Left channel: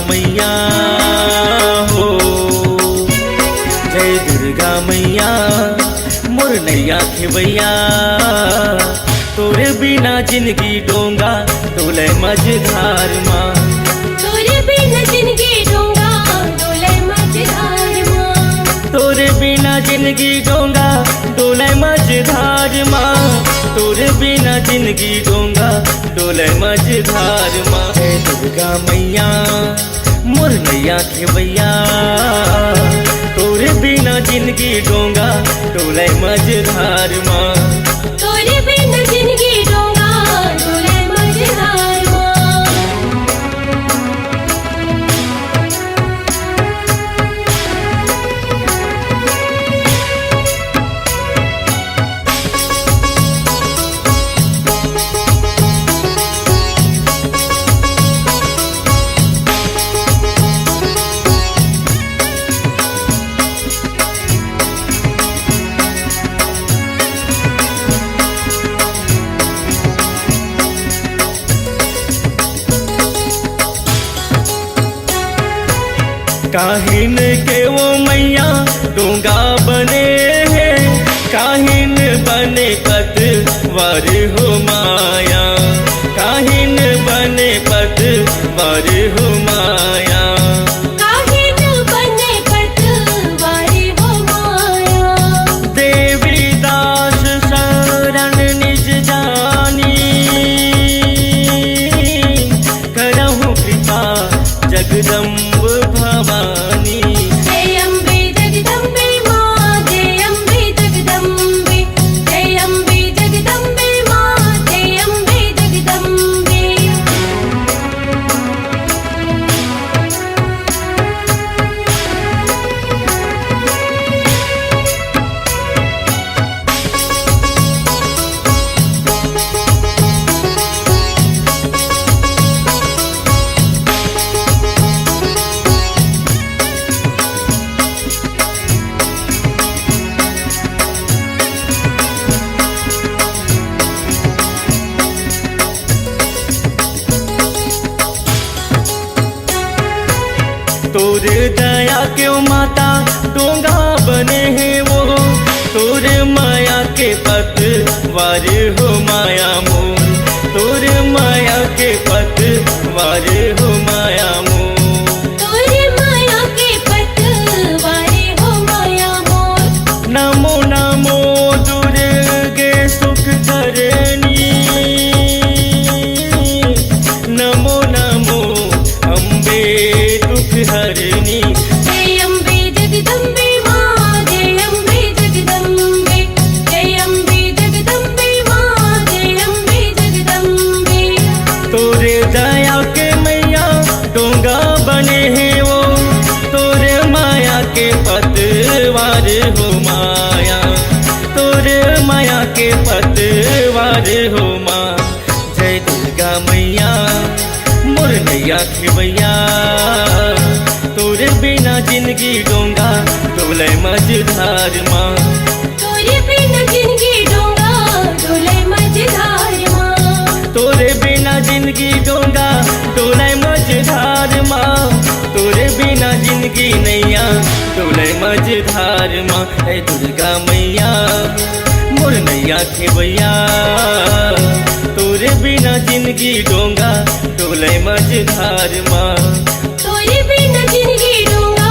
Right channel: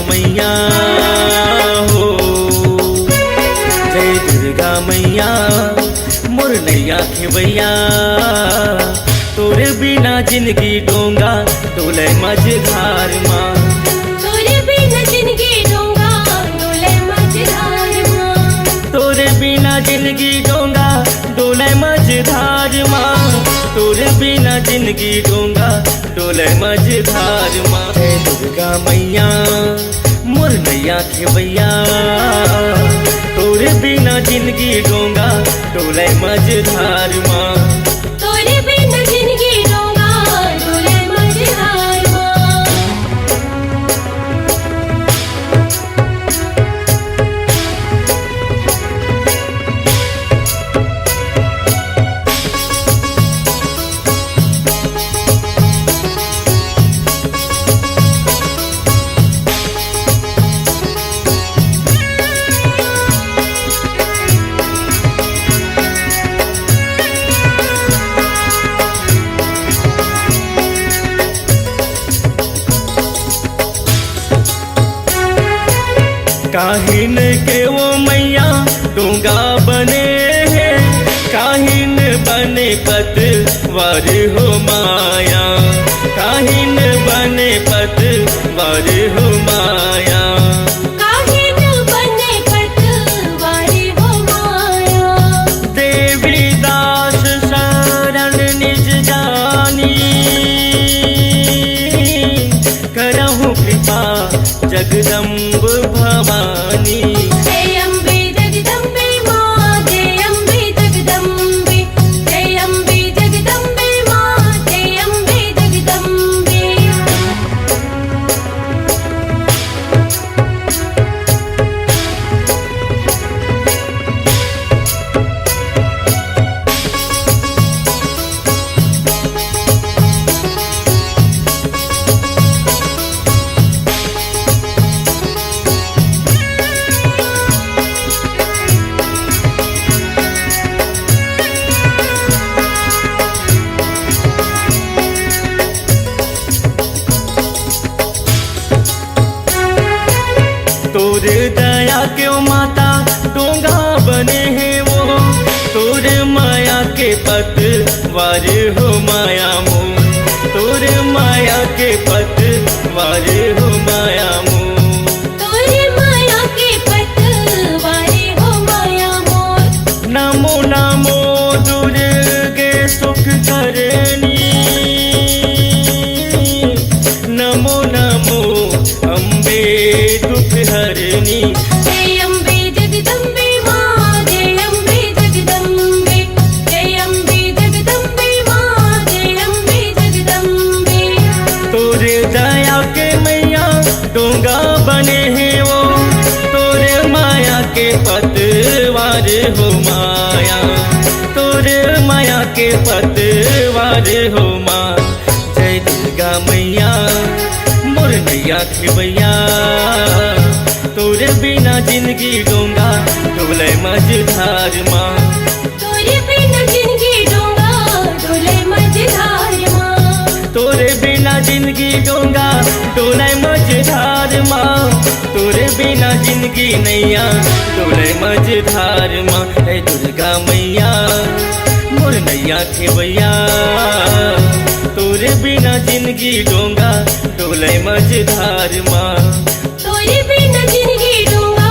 मैया हो, जय दुर्गा मैया मोर नैया खेवैया। तोरे बिना जिंदगी डोंगा डोले मझधार माँ, तोरे बिना जिंदगी डोंगा डोले मझधार माँ, तोरे बिना जिंदगी डोंगा डोले मझधार माँ, तोरे बिना जिंदगी डोंगा डोले मझधार माँ। जय दुर्गा मैया मोर नैया खेवैया, तोरे बिना जिंदगी डोंगा डोले मझधार माँ, तोरे बिना जिंदगी डोंगा डोले मझधार माँ। काहिन के वो मैया डोंगा बने हैं, काहिन बने पतवार हो माया, काहिन बने पतवार हो माया। काहिन बने पतवार हो माया, देवी दास शरण निज जानी, करहु कृपा जगदम्ब भवानी। जय अम्बे जगदम्बे माँ, जय अम्बे जगदम्बे, जय अम्बे जगदम्बे माँ, जय अम्बे जगदम्बे। तोरे दया क्यों माता डोंगा बने हैं वो, तोरे माया के पतवार हो माया मोर, तोरे माया के पतवार हो माया मोर। तोरे माया के पतवार हो माया मोर। नमो नमो दुर्गे सुख करनी, नमो नमो अम्बे दुख हरनी। जय अम्बे जगदम्बे माँ, जय अम्बे जगदम्बे, जय अम्बे जगदम्बे माँ, जय अम्बे जगदम्बे। तोरे दया के मैया डोंगा बने हैं वो, तोरे माया के पतवार हो माया, तोरे माया के पतवार हो माँ। जय दुर्गा मैया मोर नैया खेवैया, तोरे बिना जिंदगी डोंगा डोले मझधार माँ, तोरे बिना जिंदगी डोंगा डोले मझधार माँ, तोरे बिना जिंदगी डोंगा डोले मझधार माँ, तोरे बिना जिंदगी नैया डोले मझधार माँ। हे दुर्गा मैया मोर नैया खेवैया, तोरे बिना जिंदगी डोंगा डोले मझधार माँ, तोरे बिना जिंदगी डोंगा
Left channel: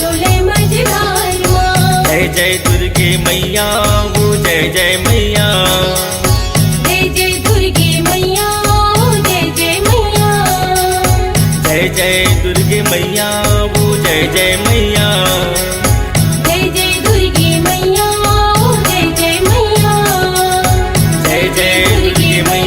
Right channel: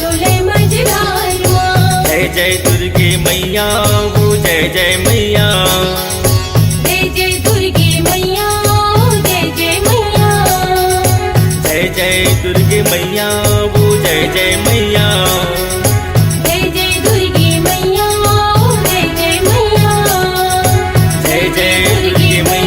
डोले मझधार माँ। जय जय दुर्गे मैया वो, जय जय मैया, जय जय दुर्गे मैया, जय जय मैया। जय जय दुर्गे मैया वो, जय जय मैया, जय जय दुर्गे मैया, जय जय मैया। जय जय दुर्गे मैया।